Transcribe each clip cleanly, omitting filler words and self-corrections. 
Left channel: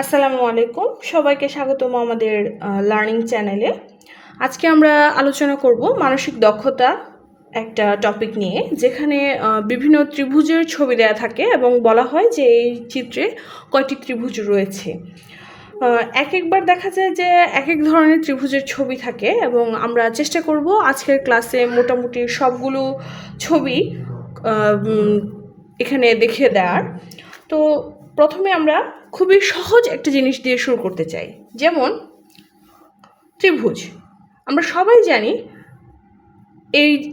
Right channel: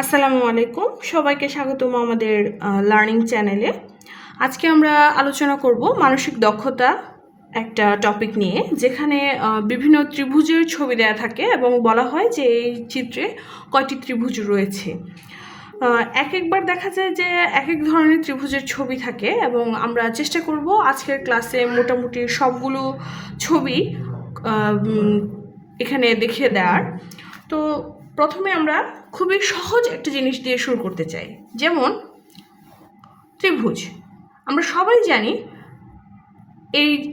আসসালামু আলাইকুম, সবাইকে স্বাগতম আমাদের লার্নিং চ্যানেলে। আজকে আমরা আলোচনা করব মানসিক দক্ষতা একটা টপিক নিয়ে, যেখানে বিভিন্ন ত্রিভুজের ছবি দেওয়া থাকে এবং বলা হয় যে এই চিত্রে কয়টি ত্রিভুজ রয়েছে। এক একবার দেখা যায় যে এক এক ধরনের ত্রিভুজের ছবি থাকে এবং আমরা চেষ্টা করব আজকের ক্লাসে মোটামুটি সবগুলো ছবি এখানে দেখিয়ে দেওয়ার। তো প্রথমে আমরা খুবই সহজ একটা জিনিস দিয়ে শুরু করতে চাই, যেমন ত্রিভুজ। আমরা সবাই জানি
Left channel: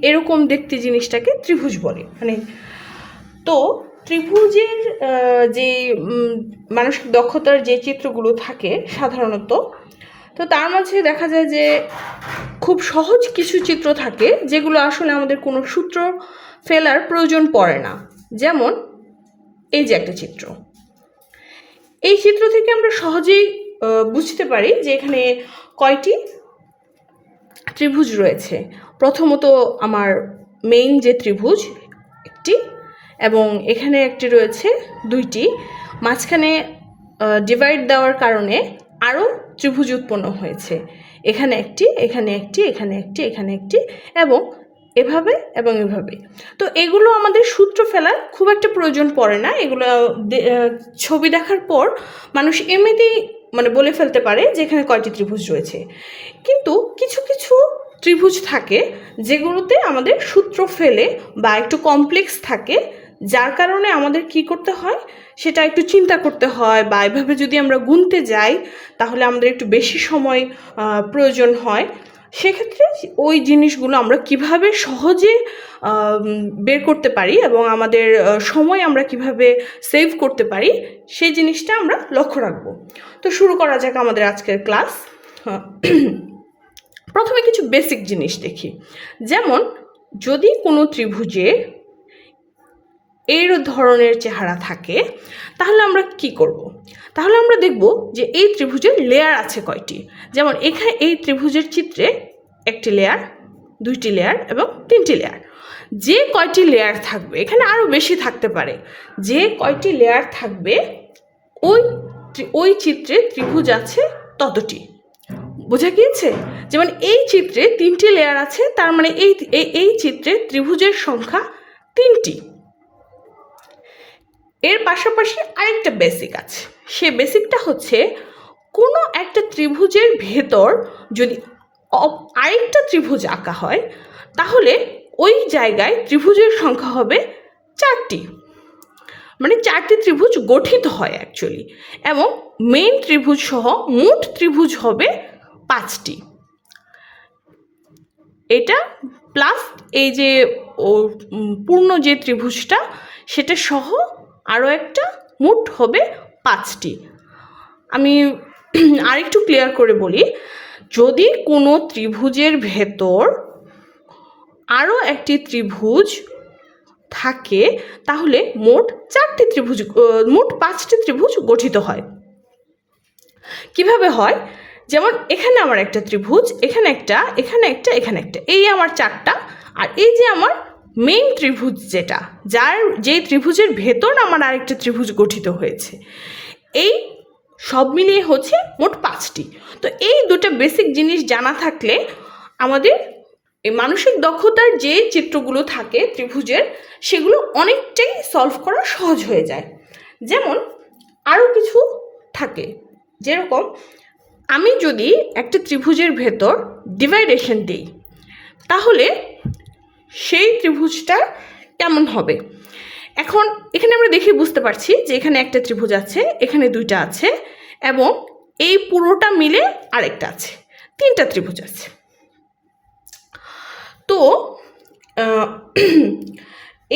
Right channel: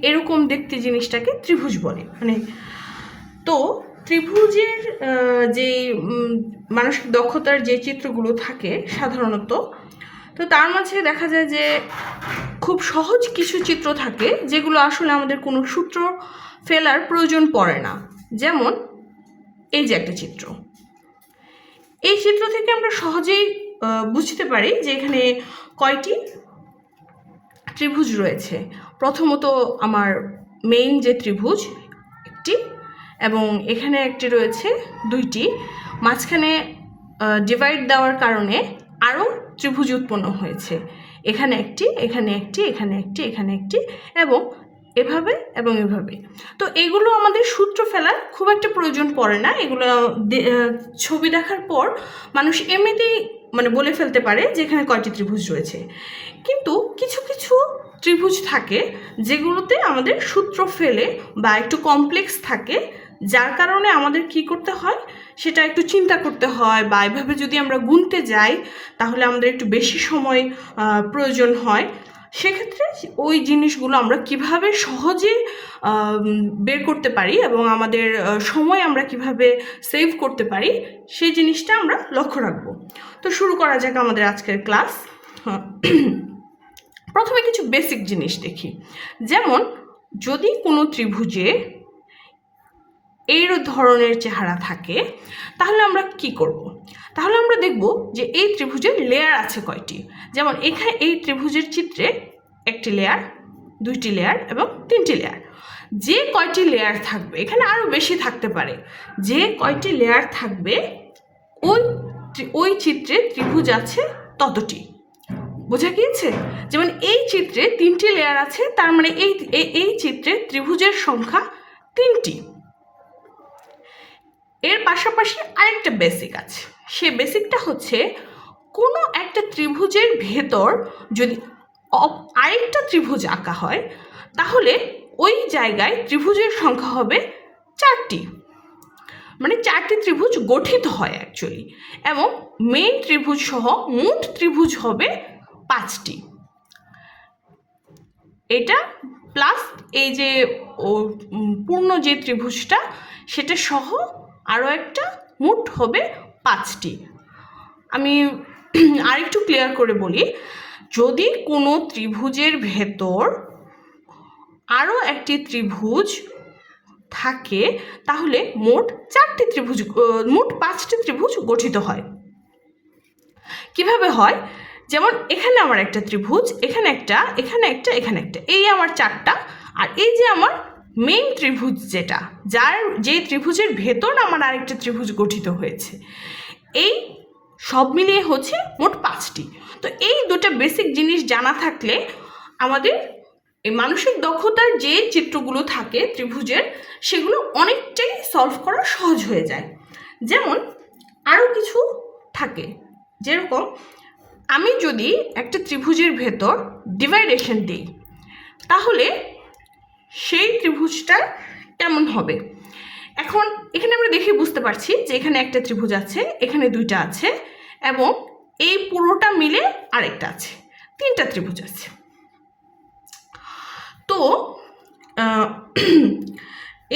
এরকম দেখতে জিনিসটাকে ত্রিভুজ বলে। তো ত্রিভুজের যে মানসিক দক্ষতার যে চিত্রগুলো থাকে সাধারণত, তো তার মাঝে দেখা যায় যে খুব সহজ কিছু চিত্র থাকে যেগুলো আসলে আমাদের কোনো সূত্র ফেলার প্রয়োজন পড়ে না। যেমন এই যে একটা চিত্র, এই চিত্র থেকে আমরা সহজেই বুঝতে পারি যে এখানে কয়টি ত্রিভুজ রয়েছে। প্রথমত আমার মেইন যে ত্রিভুজ একটি, এবং এখানে একটি রয়েছে দুইটি, মাঝখানে ডিভাইড দেওয়ার কারণে আরও ত্রিভুজ উৎপন্ন হয়েছে। এখানে একটি, এখানে একটি, এখানে একটি, এখানে একটি, এবং এভাবে এবং এভাবে। তো এগুলো আমাদের সূত্র ফেলার খুব একটা প্রয়োজন পড়ে না। এগুলো ছবি দেখার পর মানুষ এমনিতেই বলে ফেলতে পারে যে এখানে কয়টি ত্রিভুজ রয়েছে। কিন্তু কিছু কিছু ত্রিভুজ থাকে যেগুলোতে আমাদের সূত্র ফেলে বা একটু কমপ্লেক্স থাকে, যার কারণে আমাদের কি করতে হয় সেটা একটু চিন্তা করতে হয়, বা এভাবে যদি আমরা গুনতে যাই তাহলে আমাদের একটু বেশি সময় প্রয়োজন হয়। সেক্ষেত্রে ওই জিনিসগুলো আমরা কিভাবে সহজে বের করতে পারি এবং আমাদের সময় আমরা কিভাবে সেভ করতে পারি সেই জিনিসটা আমরা লক্ষ্য রাখবো। তো শুরু করা যাক আমাদের আজকের ক্লাস। প্রথমে কিছু বেসিক জিনিস দেখি। যেমন যদি কোনো ত্রিভুজে এই ধরনের চেহারা থাকে তাহলে আমরা কি করব? তাহলে আমরা দেখব যে এই ত্রিভুজের লেয়ার আছে কয়টি। যেমন এখানে এই ত্রিভুজের চিত্রে একটি লেয়ার, দুইটি লেয়ার এবং তিনটি লেয়ার। যে কয়টি লেয়ার থাকবে, এখানে আরও বেশি থাকতে পারে, যে কয়টি লেয়ার থাকবে ওই চিত্রে ত্রিভুজ আছে ততটি। বোঝা গিয়েছে? যেমন এই চিত্রে তিনটি লেয়ার আছে, তার মানে এই চিত্রে ত্রিভুজের সংখ্যা তিনটি। এর পাশাপাশি আরেকটা বেসিক আছে, সে বেসিকটা হচ্ছে কোনো একটা ত্রিভুজের ভেতর যদি আরেকটা ত্রিভুজ আঁকা হয় তাহলে ওই জায়গায় ত্রিভুজের সংখ্যা হবে চারটি। মানে চারটি ত্রিভুজ গঠিত হয় অ্যাকচুয়ালি, এবং মেইন ত্রিভুজ সহ মোট ত্রিভুজ হবে পাঁচটি। এটা প্লাস এই যে পূর্ণ যে ত্রিভুজটা সেটা সহ আরও একটা, মোট হবে পাঁচটি। আমি আরেকটু ক্লিয়ার করে বলি, যদি কোনো ত্রিভুজের ভেতর আরও একটি ত্রিভুজ থাকে তাহলে মোট পাঁচটি ত্রিভুজ গঠিত হয়। কিভাবে হয়? যেমন এখানে আমার একটা ত্রিভুজ, এখানে একটা, এখানে একটা, এখানে একটা, এই আমার চারটা। আর এই যে আমার মেইন ত্রিভুজ যে ত্রিভুজের ভেতর আমার আরেকটা ত্রিভুজ গঠিত হয়েছে, এই সব মিলিয়ে হচ্ছে মোট পাঁচটি। তো এই দুটো বেসিক জিনিস জানা থাকলে আমাদের এই মানসিক দক্ষতার যে চিত্রগুলো থাকে ত্রিভুজের, সেগুলো অনেকটাই সলভ করা সহজ হয়ে যায়। যেমন আরও কিছু থাকে, যেরকম আমি যদি একটা ত্রিভুজের ভেতর ডিভাইডেশন দিই তাহলে সেই ত্রিভুজটা কেমন হবে। এখন এখানে আমরা দেখে বুঝতে পারছি যে এখানে একটা ত্রিভুজ আছে, এখানে দুইটা আছে, এবং এই পুরোটা মিলে আরেকটা আছে, তিনটা ত্রিভুজ আছে। তো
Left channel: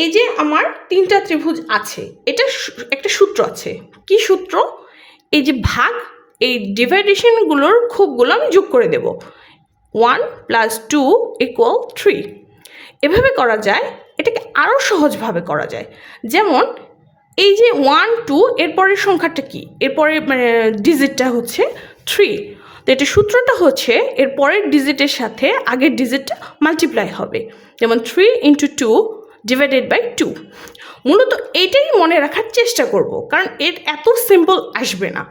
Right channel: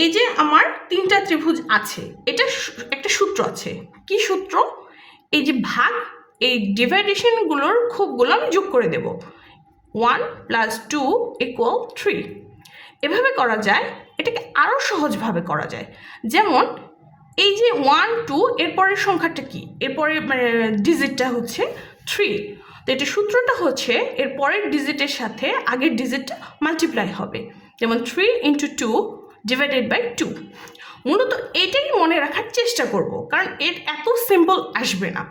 এই যে আমার তিনটা ত্রিভুজ আছে, এটা একটা সূত্র আছে। কি সূত্র? এই যে ভাগ, এই ডিভাইডেশনগুলোর খুবগুলো আমি যোগ করে দেব। 1 + 2 = 3। এভাবে করা যায়। এটাকে আরও সহজভাবে করা যায়। যেমন এই যে 1 2 এরপরের সংখ্যাটা কি? এরপরে ডিজিটটা হচ্ছে 3। তো এটা সূত্রটা হচ্ছে এর পরের ডিজিটের সাথে আগের ডিজিটটা মাল্টিপ্লাই হবে। যেমন 3 × 2 / 2। মূলত এটাই মনে রাখার চেষ্টা করব, কারণ এত সিম্পল আসবে না।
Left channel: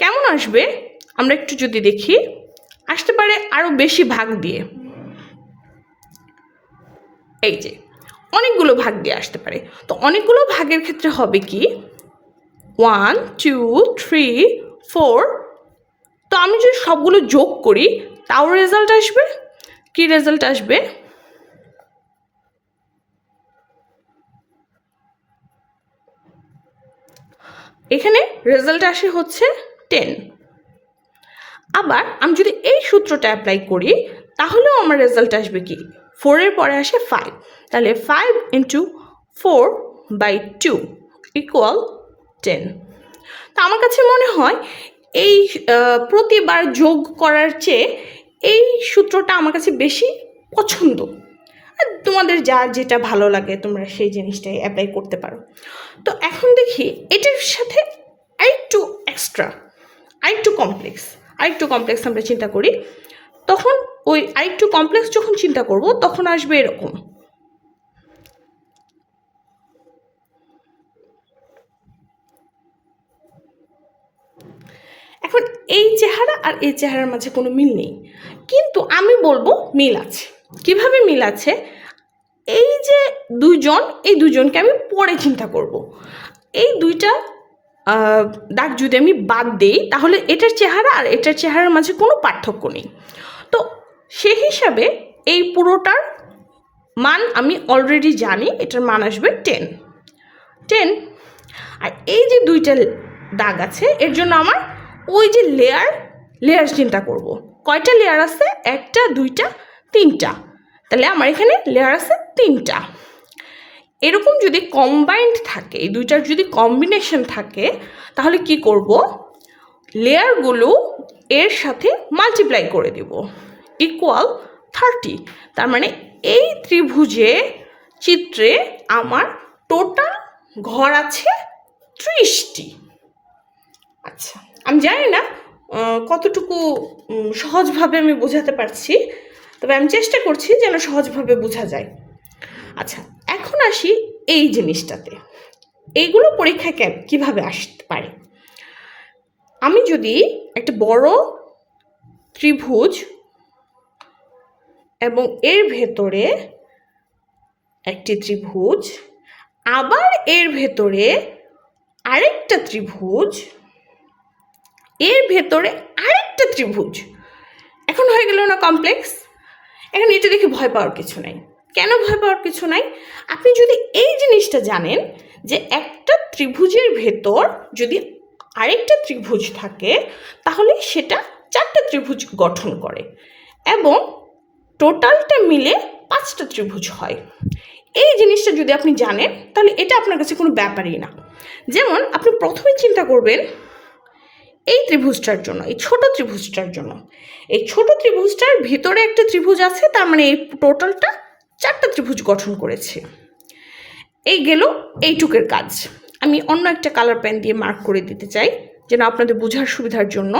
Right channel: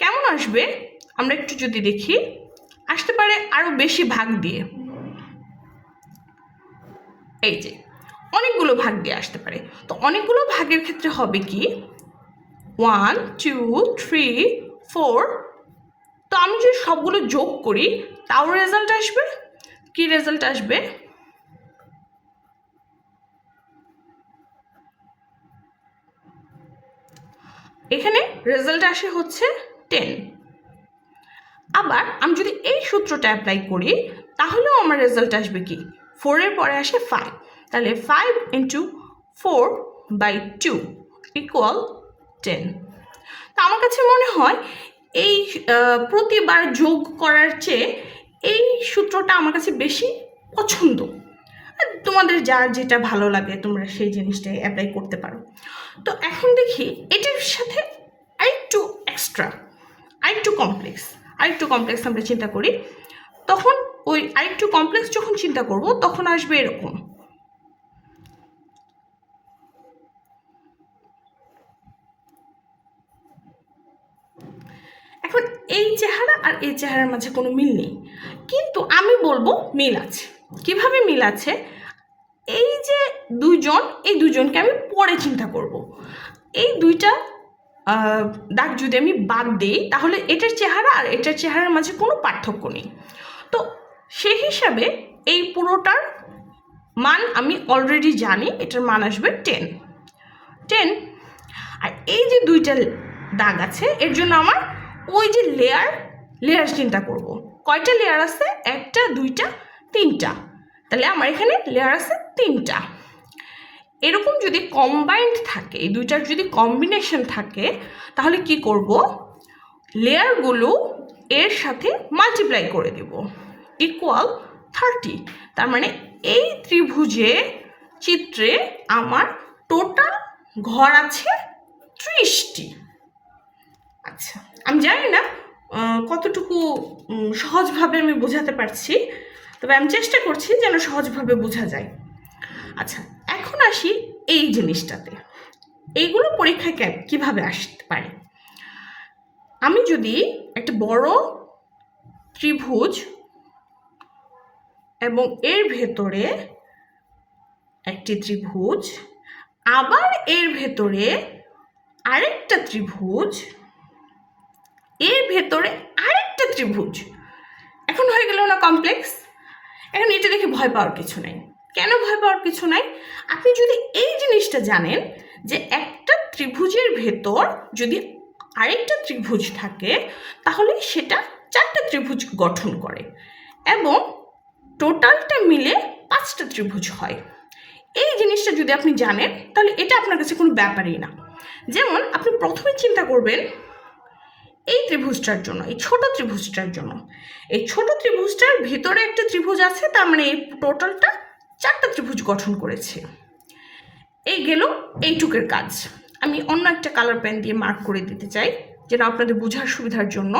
কেমন আসবে আমরা একটু যদি দেখি, আসতে পারে আরও বেশি ভাগ দিয়ে। এই যে অনেকগুলো ভাগ দিয়ে আসতে পারে। তো অনেকগুলো ভাগের ক্ষেত্রে হবে কি 1 2 3 4, তো আমি যদি সবগুলো যোগ করি তাও রেজাল্ট আসবে। কি রেজাল্ট আসবে? এখানে রেজাল্ট আসে হচ্ছে 10। আবার আমি যদি এই সূত্রটা অ্যাপ্লাই করি তাহলেও আমার রেজাল্ট আসবে কি 4-এর পরে আসে 5, তাহলে 5 × 4/2 = 10। তো আমার কাছে মনে হয় এই প্রতিবার যোগ করার চেয়ে এই সূত্রটা আমার কাছে বেশি পছন্দ। তোমাদের যার যেটা ভালো লাগে তোমরা সেই জিনিসটাই অ্যাপ্লাই করতে পারো। তো এখন দেখি এটার সাথে আরেকটু এক্সট্রা, আরেকটু কমপ্লেক্স আমরা চিন্তা করি। তখন ওই আরেকটু কমপ্লেক্স যখন চিন্তা করব তখন আসবে এরকম। এখন এই চেহারা আর এই চেহারার মাঝে কোনো মিল নেই, কিন্তু আমি বলবো মিল আছে। কিভাবে মিল আছে? এই যে এই দুজনকে আমি পরে চিন্তা করব। এই দুইটা দাগ যদি আমি বাদ দিই তাহলে এটার চেহারা আর এটার চেহারার মাঝে কোনো পার্থক্য নেই। তো সে হিসাবে এই পুরোটার মান আমি অলরেডি জানি, এটার মান আসবে 10। আর এই যে দুইটা দাগ আছে এর জন্য আমার ওই যে লেয়ার চিন্তা করব। কয়টা লেয়ার আছে? 1টা 2টা 3টা, তাহলে আমার এখানে লেয়ার আছে 3টা। এরকম যদি কম্বাইন্ড থাকে, এই দুইটার যদি কম্বিনেশন থাকে তাহলে কি করব? লেয়ারগুলো এর সাথে মাল্টিপ্লাই করে দেব =30। তার মানে এই ত্রিভুজে চিত্রে আমার টোটাল ঘর আছে 30টি। আচ্ছা, আমি জানি না কতটুকু সহজভাবে আমি বোঝাতে পারছি, তবে আমি চেষ্টা করছি যেন সহজভাবে বোঝা যায়। আচ্ছা, এখন আসি এই জিনিসটাতে, এইগুলো পরীক্ষায় কীভাবে আসতে পারে। আমি যদি একটা বড় ত্রিভুজ এবং এর ভেতরে একটি ত্রিভুজ, আবার এর ভেতরে আরেকটা ত্রিভুজ, এর ভেতরে আরেকটা ত্রিভুজ, এখন হয়ে গেল না কমপ্লেক্স? এখন এটা দেখে ভয় পাওয়ার কিছু নাই। কেন ভয় পাওয়ার কিছু নাই? আপনি যদি এই জিনিসটা জানেন যে একটা ত্রিভুজের ভেতর যদি আরেকটা ত্রিভুজ থাকে তাহলে সেটা 4টা ত্রিভুজ গঠন করে এবং টোটালটা মিলে 5টা ত্রিভুজ হয়। এই জিনিসটা যদি আপনি জানেন তাহলে এটা আপনার কাছে কোনো ব্যাপারই না। যেমন আপনি প্রথমে চিন্তা করবেন এই ত্রিভুজটার জন্য, এই ছোট ত্রিভুজটার জন্য, এই ছোট ত্রিভুজটার ভিতরে একটা ত্রিভুজ আছে, তার মানে এই টোটালটা 4টা ত্রিভুজ গঠন করেছে। এই গেল এইটুকের কাজ। আমি অন্য একটা কালার পেন দিয়ে মার্ক করে দিতে চাই যেন আপনাদের বোঝার সুবিধার জন্য,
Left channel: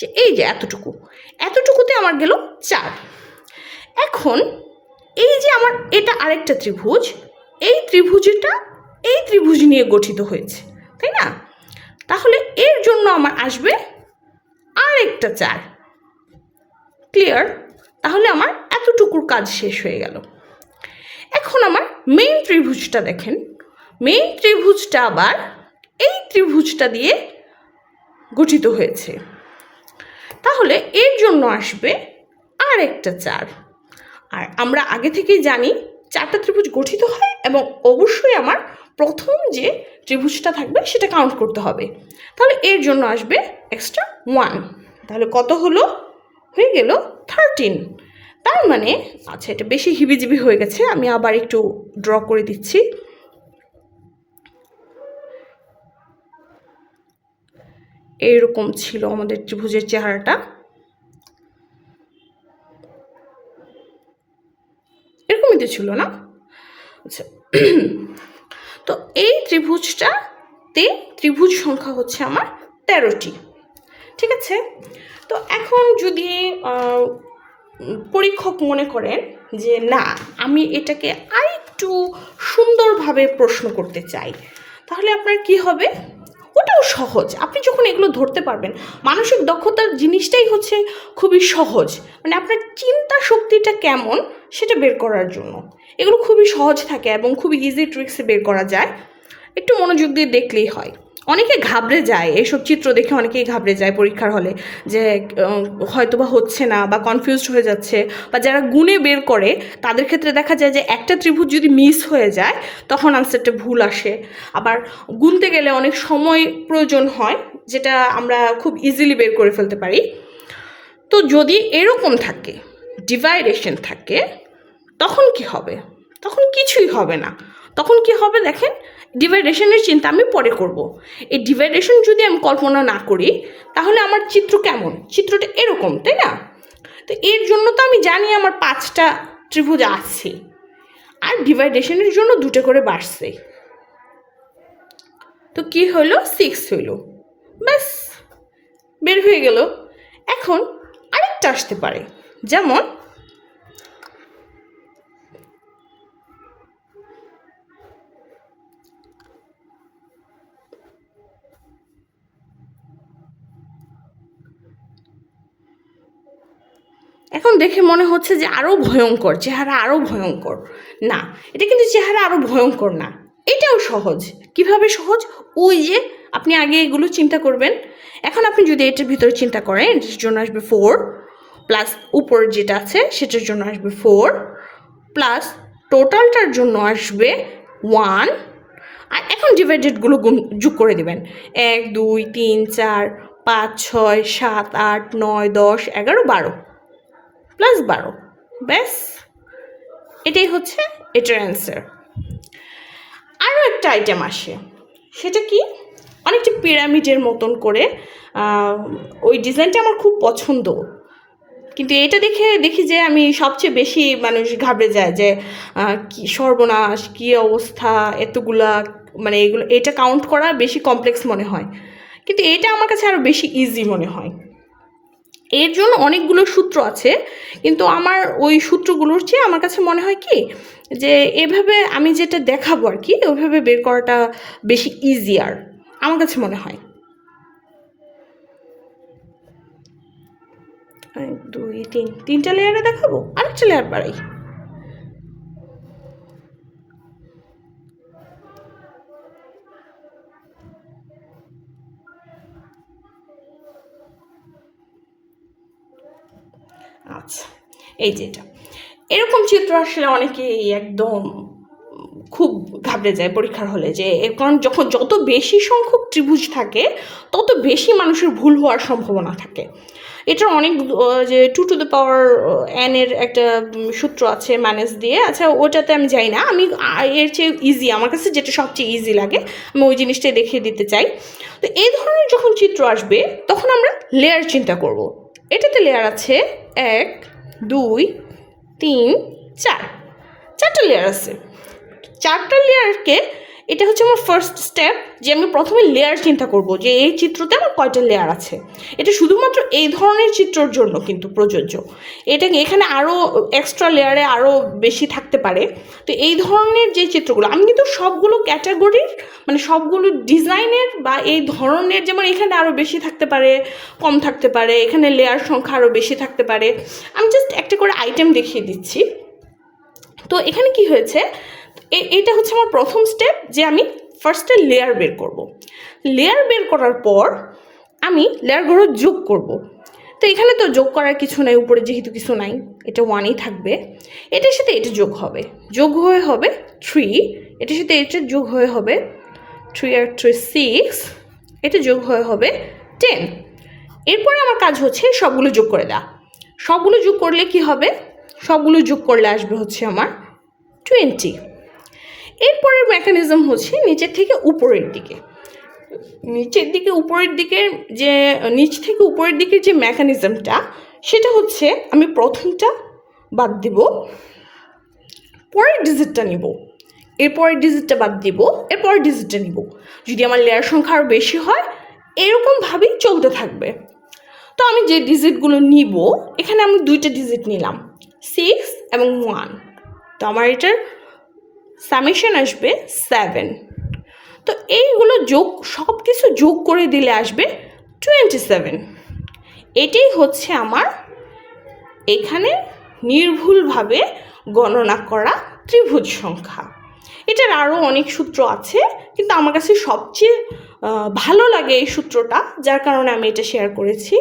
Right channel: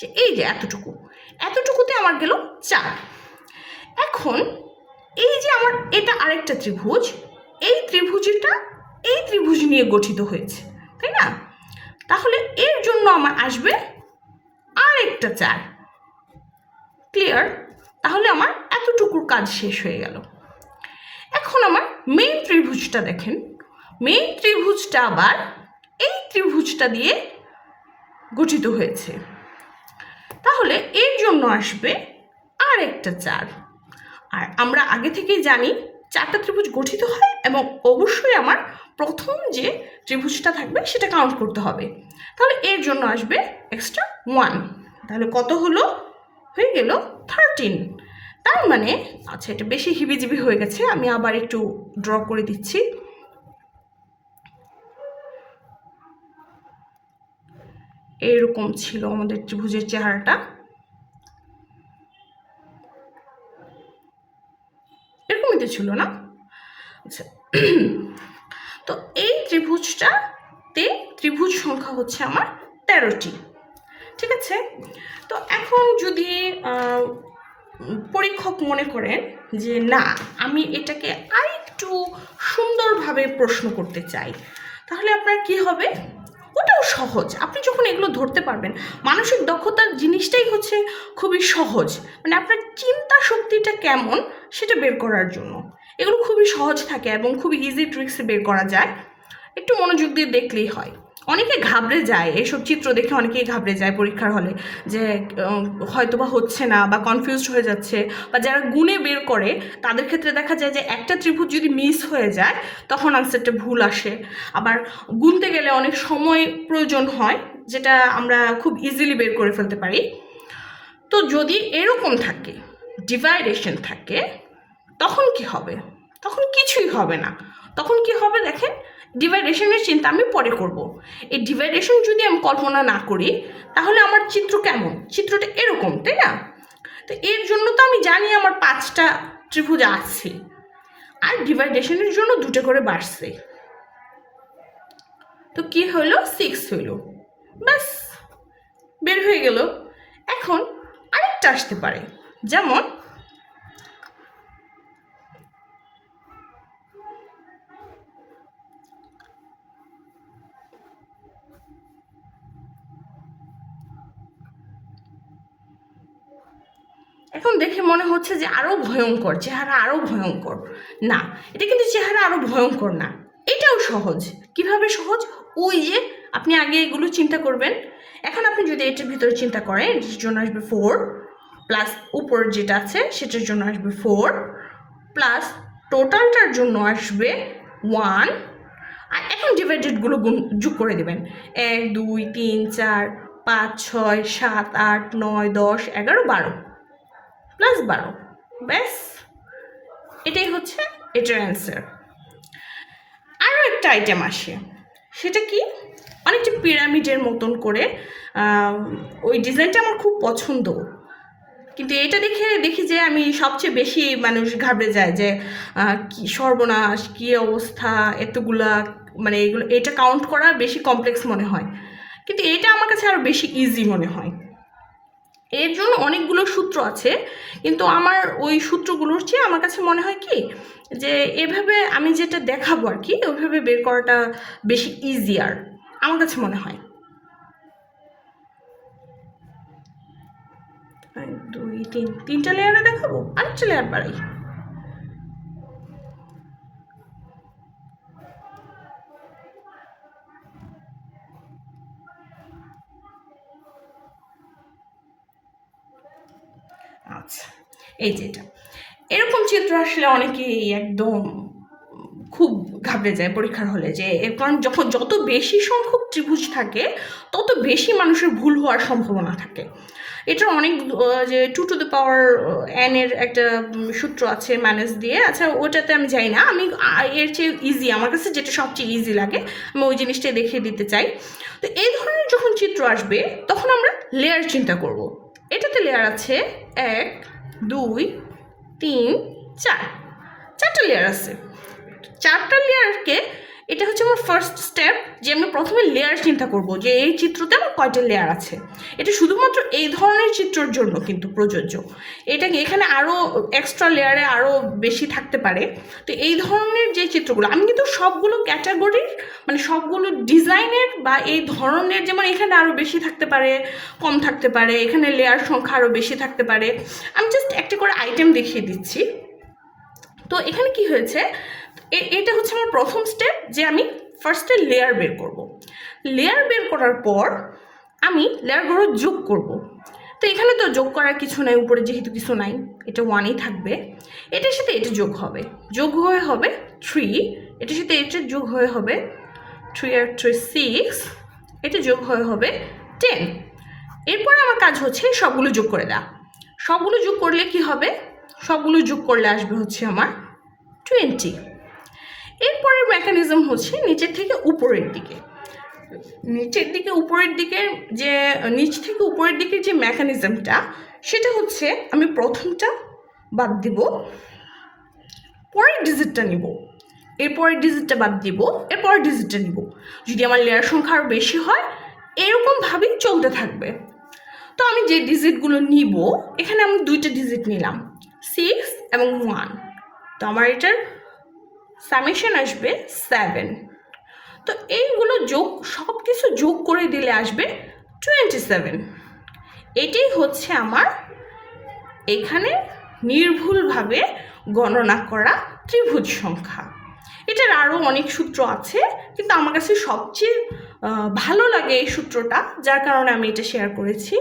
যে এই যে এতটুকুতে আমার গেল 4। এখন এই যে আমার এটা আরেকটা ত্রিভুজ, এই ত্রিভুজটা এই ত্রিভুজ নিয়ে গঠিত হয়েছে, তাই না? তাহলে এর জন্য আমার আসবে আরেকটা 4। ক্লিয়ার? তাহলে আমার এতটুকুর কাজ শেষ হয়ে গেল। এখন আমার মেইন ত্রিভুজটা দেখেন, মেইন ত্রিভুজটা আবার এই ত্রিভুজটা দিয়ে গঠিত হয়েছে, তাহলে এর জন্য আসবে আরেকটা 4। আর আমরা আগে থেকেই জানি 4টা ত্রিভুজ গঠিত হয় এবং অবশ্যই আমার প্রথম যে ত্রিভুজটা থাকবে সেটা কাউন্ট করতে হবে, তাহলে এর জন্য আসবে এক্সট্রা 1। তাহলে কত হলো? হয়ে গেল 13। তার মানে আচ্ছা, এটা বেশি হিবিজিবি হয়ে গেছে, আমি আবার একটু ড্র করে দিচ্ছি। এইরকম ছিল আমাদের ত্রিভুজের চেহারাটা, এরকমই তো ছিল না? আচ্ছা, তো এই ত্রিভুজটাতে ত্রিভুজ সংখ্যা হচ্ছে আমার 13টি। ঠিক আছে? তো এখন যদি পরীক্ষক মনে করেন যে না, আমি এটাকে একটু সুন্দরভাবে প্রশ্ন করতে চাই, তাহলে আপনার কি হবে, ওটাও সহজ। আপনি যখন এগুলো ধরতে পারবেন, মানসিক দক্ষতার জিনিসটাই হচ্ছে খুবই সহজ, মানে আপনার চিন্তা শক্তিটা কেমন সেটা বের করার জন্য এগুলো খুবই সহজ থাকে এবং খুবই ইজি ট্রিক্সে বের করা যায়। একটু মনোযোগ দিয়ে দেখলেই হয়। অনেকে ঘাবড়ে যায়, এইসব চিত্র দেখে অনেকেই ঘাবড়ে যায় পরীক্ষার হলে, যে হয়তো বা হচ্ছে না বা কনফিউজড হয়ে যাচ্ছে, বা যারা গুণে বের করে তাদের ক্ষেত্রে দেখা যায় যে একটা ত্রিভুজ যদি মিস হয়ে যায় তখন আনসারটা ভুল আসে। আবার গুনতে গেলে অনেক সময় প্রয়োজন হয়, যেটা আমরা খুব ইজিলি বের করে ফেলতে পারি। তো যদি এরকম থাকে, ডিভাইডেশন থাকে, তখন কি হবে? তখন কিছুই হবে না। তখন কি হবে দেখেন, ডিভাইডেশনের চিন্তা আমি পরে করব। এই ডিভাইডেশন যদি আমি কল্পনা না করি তাহলে আমার চিত্র কেমন, চিত্রটা এরকম, তাই না? তো এর জন্য তো আমি জানি আমার 5টা ত্রিভুজ আছে, আর ডিভাইডেশনের জন্য 2টা করে বাড়ছে, তো কি হলো, 6 হইল, ব্যাস বের হয়ে গেল। এখন আরেকটা আসতে পারে, যেমন এখন দেখে মনে হচ্ছে যে আরও ভয়ঙ্কর, চেহারা আরও ভয়ঙ্কর। না, এটা কিন্তু চেহারা আরও ভয়ঙ্কর না, এটাও সহজ। কিভাবে সহজ? ওই যে আপনি আগে এগুলো চিন্তা করবেন, এখন আপনি যদি এটার ভিতরে চিন্তা করেন, এটার জন্য আসবে 4 প্লাস উপর যেটা আছে সেটার জন্য আসবে 4 প্লাস টোটালটার জন্য আসবে 1। আর এখন ডিভাইডেডগুলো যোগ করে দেবেন, 1 2 3 4 5 6 7 8 9 10 11 12 প্লাস 12, ব্যাস এটাই হচ্ছে এটার অ্যান্সার। আরও একটা আইটেম আসে, সেটা কি, অনেকটা পিরামিডের মতন করে, ওই ডিজাইনটা আমার খুব পছন্দ, কিন্তু এটা দেখি যে আমি সবচেয়ে বেশি মানুষ ঘাবড়ে যায় যে কি সর্বনাশ, কী অবস্থা, এতগুলা, মানে এগুলো, এটা কাউন্ট করা বেশি কমপ্লেক্স মনে হয়, কিন্তু এটা আমার কাছে আরও বেশি ইজি মনে হয়। এর জন্য অনেকগুলো সূত্র আছে, কিন্তু আমার ওই সূত্রগুলোর চেয়ে আমার কাছে মনে হয় কি, যে এভাবে আমি যেটা দেখাবো আর কি, ওইভাবে বের করাটা বেশি ইজিয়ার আমার কাছে মনে হয়। 1 2 3, 3টা লেয়ারে দেখাবো, আরেকটা লেয়ার বাড়াই। আচ্ছা, এই যেটা এরকম চিত্র আসলে অনেকেই একদম খুব ঘাবড়ে যায় পরীক্ষার হলে, যে কারণ যখন যত বেশি সংখ্যক ত্রিভুজ থাকে তত বেশি মানুষের ভুল হওয়ার সম্ভাবনা থাকে। এটা অনেক যে 2n এর একটা সূত্র আছে ম্যানেজ দিয়ে, আচ্ছা ওটাতে আমি যাই না, আমি এর চেয়ে ইজি, আমার কাছে যেটা সবচেয়ে ইজি লাগে আমি ওই জিনিসটাই দেখিয়ে দিতে চাই। তো এই ধরনের যখন চিত্র আসবে তখন আমরা লেয়ার চিন্তা করব। এটাতে লেয়ার আছে 1 2 3 4, 4টা লেয়ার আছে। 4টা লেয়ারকে, এটা হচ্ছে আমার ফার্স্ট স্টেপ, যে আমি প্রথমে লেয়ার চিন্তা করব যে এই চিত্রতে আমার কয়টা লেয়ার আছে। এটা শুধুমাত্র এই ধরনের চিত্রের জন্য কিন্তু প্রযোজ্য, এটা এখানে আরও এক্সট্রা লেয়ারে আরও বেশি থাকতে পারে। তো এই ধরনের যে চিত্রগুলো, আমি কিন্তু সবগুলো ক্যাটাগরির, মানে সবগুলো ডিজাইনের বা এই ধরনের, যেমন এখানে আরও বেশি থাকতে পারে, কম থাকতে পারে, এখানে লেয়ার সংখ্যা আরও বেশি থাকতে পারে, আমি জাস্ট একটা করে আইটেম দেখিয়ে দিচ্ছি। তো এখানে কি হয়েছে, এটা হচ্ছে আমার প্রথম স্টেপ, যে আমি ফার্স্টে লেয়ার বের করব। লেয়ার বের করার পর আমি লেয়ারগুলো যোগ করব। তো এখানে তো যোগ করার কিছু নাই, উপরে যেহেতু কিছু নাই, এটা 1ই থাকবে। এটার সাথে এটা যোগ হবে, যোগ হয়ে হবে 3, এটার সাথে এটা যোগ হয়ে হবে 3 আর 3 6, এটা যোগ হয়ে হবে 10। এরপরে আমার কাজ হচ্ছে সবগুলো যোগ করে দেওয়া। সবগুলো যোগ করলে কি হবে, সবগুলো যোগ করলে আসবে হচ্ছে আমার 20। এরপরের মেকানিজম হচ্ছে নিচের থেকে উপরের দিকে, নিচের দিকে উপরের দিকের যে নিচ থেকে উপরের দিকের যে মেকানিজমটা, সেটা হচ্ছে আমি প্রথমটা বাদ দিব, পরের ডিজিটটা নিব, এরপরের ডিজিটটা বাদ দিব, এরপরের ডিজিটটা নিব। যদি আমার লেয়ার সংখ্যা আরও বেশি হয় এরকমভাবেই চলতে থাকবে। তো আমি যে ডিজিটগুলো নিব, এখানে আমি 2টা ডিজিট নিলাম, 6 এবং 1। তো আমার এটার সামেশন আসবে 7। তো এইগুলো সব কিছু যোগ করে দিলে আসবে 27। এটাই হচ্ছে আমার এখানে নির্ভুলভাবে গণনা করা ত্রিভুজ সংখ্যা। এটার আরও অনেক সূত্র আছে, কিন্তু আমার কাছে সবচেয়ে ভালো লাগে এই সূত্রটা, যার কারণে আমি এটা শেয়ার করেছি।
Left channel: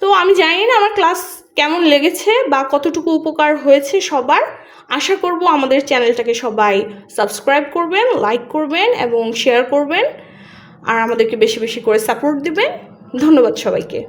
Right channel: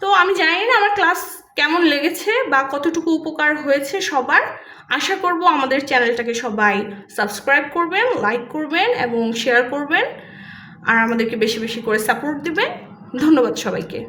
তো আমি জানি না আমার ক্লাস কেমন লেগেছে বা কতটুকু উপকার হয়েছে সবার। আশা করব আমাদের চ্যানেলটাকে সবাই সাবস্ক্রাইব করবেন, লাইক করবেন এবং শেয়ার করবেন, আর আমাদেরকে বেশি বেশি করে সাপোর্ট দিবেন। ধন্যবাদ সবাইকে।